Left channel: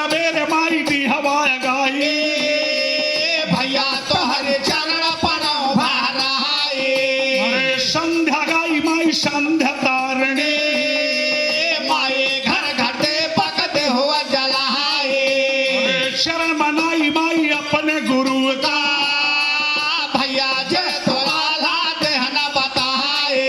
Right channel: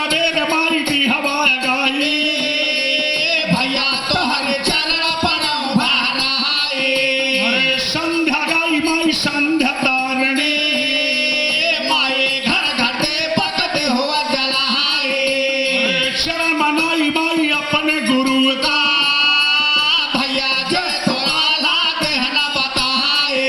सवेरे माई दी हवा गाई भैया तो हर चरण पर भाराए संध्या गाई माई संध्या तारणी माए घर घटे पकते हुआ जलाए शरण मनाई माई अपने गुरु का भैया जय थोड़ा ला देहना बताए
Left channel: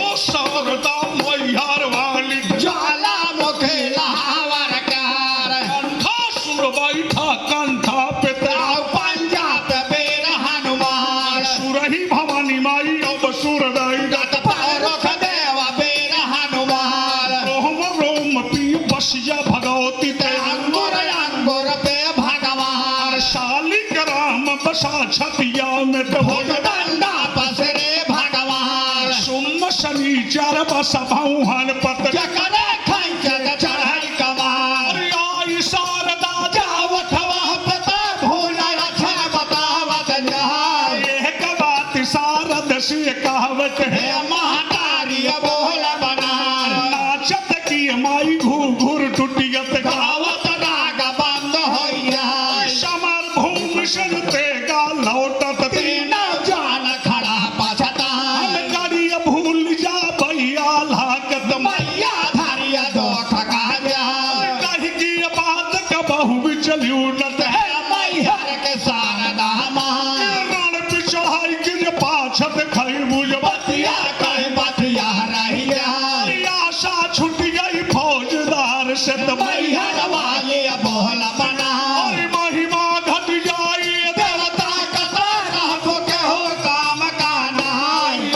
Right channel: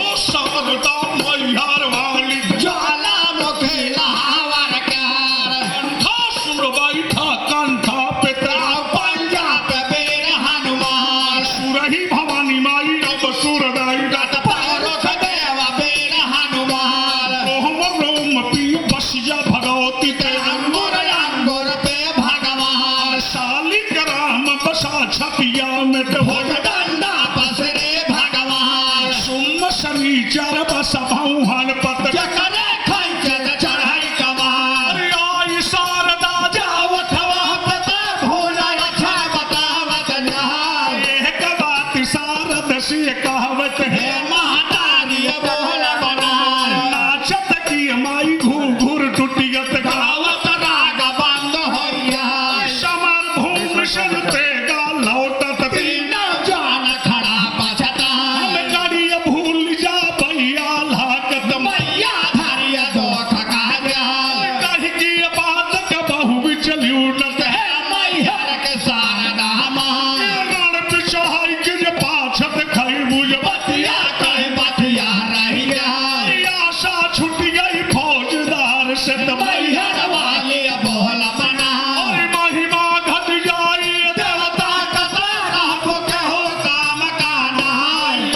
ओ सरदा मैहर वाली ज्वाला मुखे लहावर कार कंठा सुर बैठा कंठा पे तेरा पंजा पे बेर हनुमान सुरही भवानी माई अब सुर डाइट पारोख देव बेर हनुमान रोम रोम पी बसिया भगवती ते अंगुर अंगुर पे भगवान शालिग्राम बसा छतिया में ते भोज डंडा पसरे भगवान सुम शरीचर बस भौहन पत जकरे खैचर चढ़ाई कमार आई शारदा जावठवा पता भूला अच्छा बतावत जहां एक बात शारद से कहवत हे है महतारी बोल बनार नाचत की माई घूर घूर टुटियत गावत राग बंद होइया समर भूमि सलते गा लौटत तीनों जान खड़ा पछता हम करिय भूल जा भैया लागत मैया धरिया दो थका जा कह की बात का बहु बिचलियो नत हे मैहर के शारदा मां रण पे चढ़ाई के पाछत खई बुझ बतिया कई बतिया रही जाए आशा छूट गई फौजदार से मैहर वाले बोल बना महिमा घट जाई देवता कतरा कहबो के हो काम का नाय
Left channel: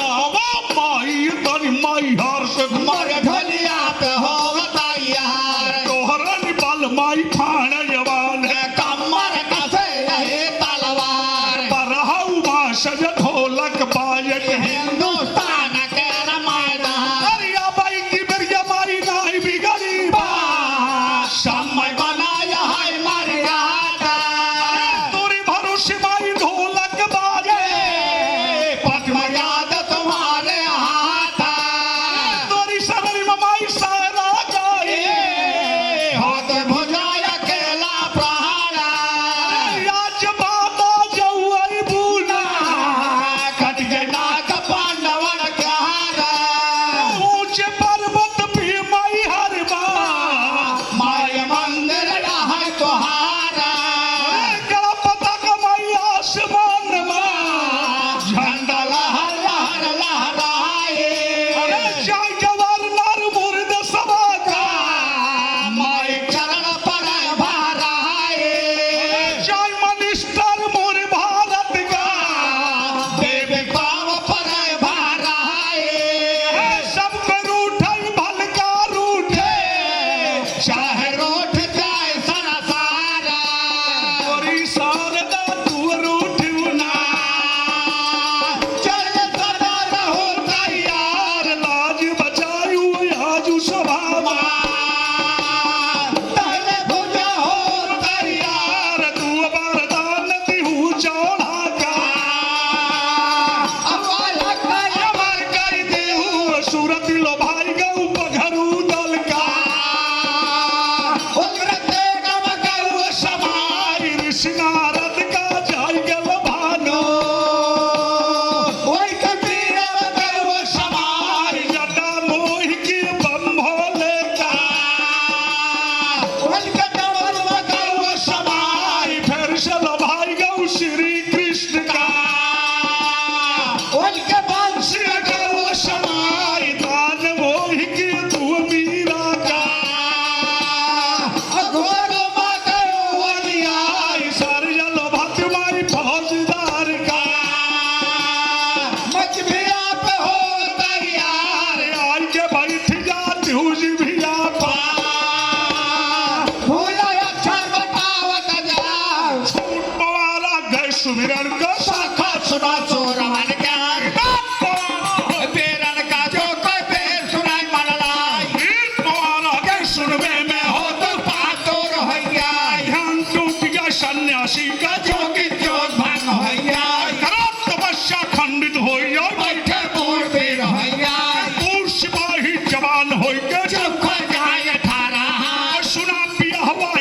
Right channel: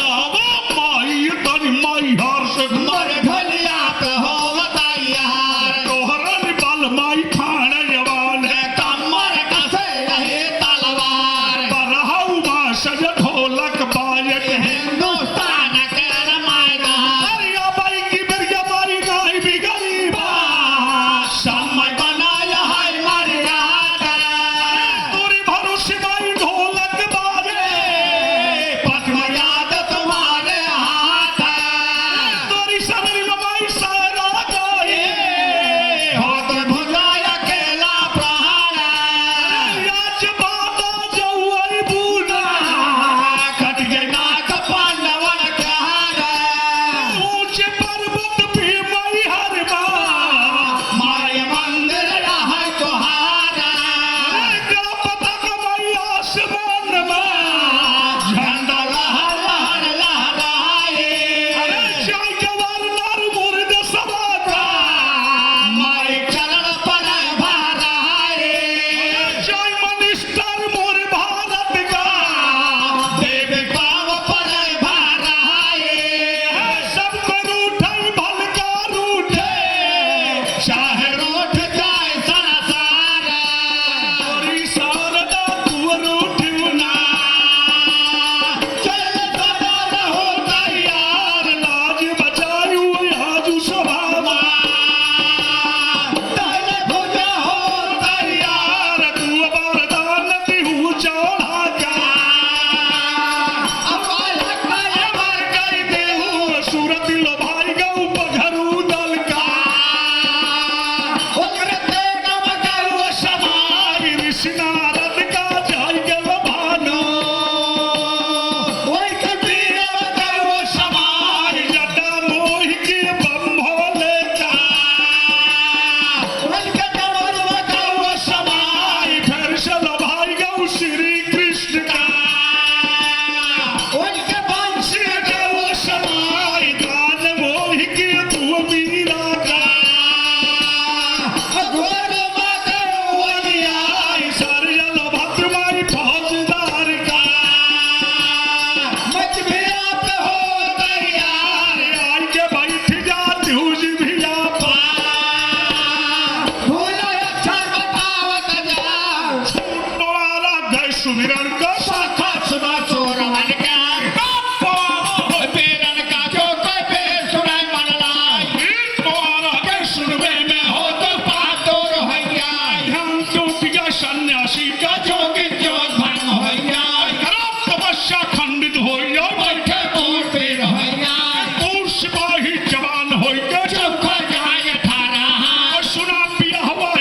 माई तन माई हर से मर ढोलिया पे हो तैयार तोहरन बल माई फाड़ जवान है कमर कसे रहे तलवार बरहु सज ढोलक बाजत है हिंदुस्तान के मैदान अरिया बाई की बेरिया मारी गाय भी गरीबा समय बनाया है मर्यादा तोरी भरोसे माई ढोलक बाजे पद्म याद तुम्हारे हाथ तोरी शरण में माई सारा गाए हाथ भुजाया केला प्रहारा राज बाबा जौई बूढ़ा कट गए नाग पांडवन के हारा ऊंचे पर्वत पे माई हर बार माय मंदिर है तुम्हारा गला पता कमाई आसमान में झंडा लहर लहर लहराए चाय जवार नार मुर्द समाता माय चरण पर भराए चाय मनिस्टर मोर भारत का देव पाव पर भराए सबको रूठई भलका रूठे चाहे रोट जाए संसारा तोरी शारदा तू रूठिवना चल सदा रहो यार लाज बचायू आजू सभावा तैले भुजा हो यार तू वरदान दिहू चढ़ा का अपालक अमर कर देहू सूरत लो भाई गऊ पघरू दल का उग्रते गम करो समाई ऋषि नारद का जाय गल भानु ओई कबीर करो समाई जटा मोहि के बम्भोले का ओई कटवर करो समाई फिर से लो भाई गऊ श्री कृष्ण का ओई के बंशी गऊ समाई दान मोहि के तू मीरा का घोर मत आई सरजल भक्त माई फौजदार का मच भी आप हो तैयार आज के बैठ जा तुझ भी आपा भूला अक्षर बतावत जाओ वाला गए सुमिरन का शाखा सुना चोरवन का बेरन का जो कोई बेर सुनाई मन लाई वाला के सुनवे में हो तो पातोर हो जाए ध्यान टूट गया सन्यासी का जोगी जोग भंग हो जाए खराब तपस्या खंडित हो जाए बैठे मूर्ति हो जाए पूर सिपाही जवान हो गए चुप हो जाए 18 सुना पिया हवा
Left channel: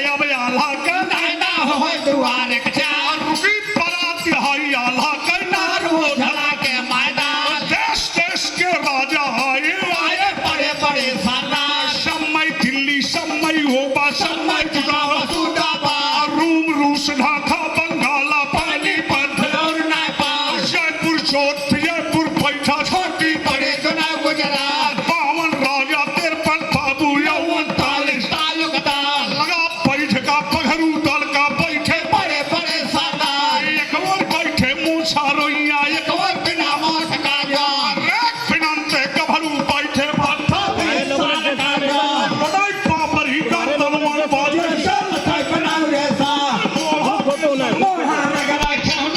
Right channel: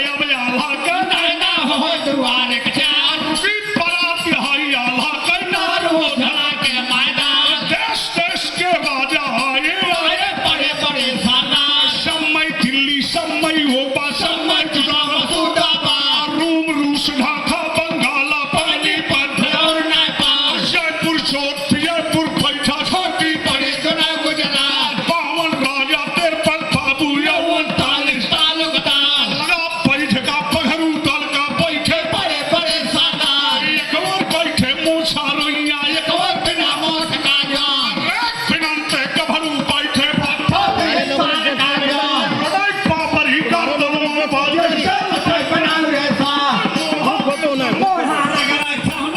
हे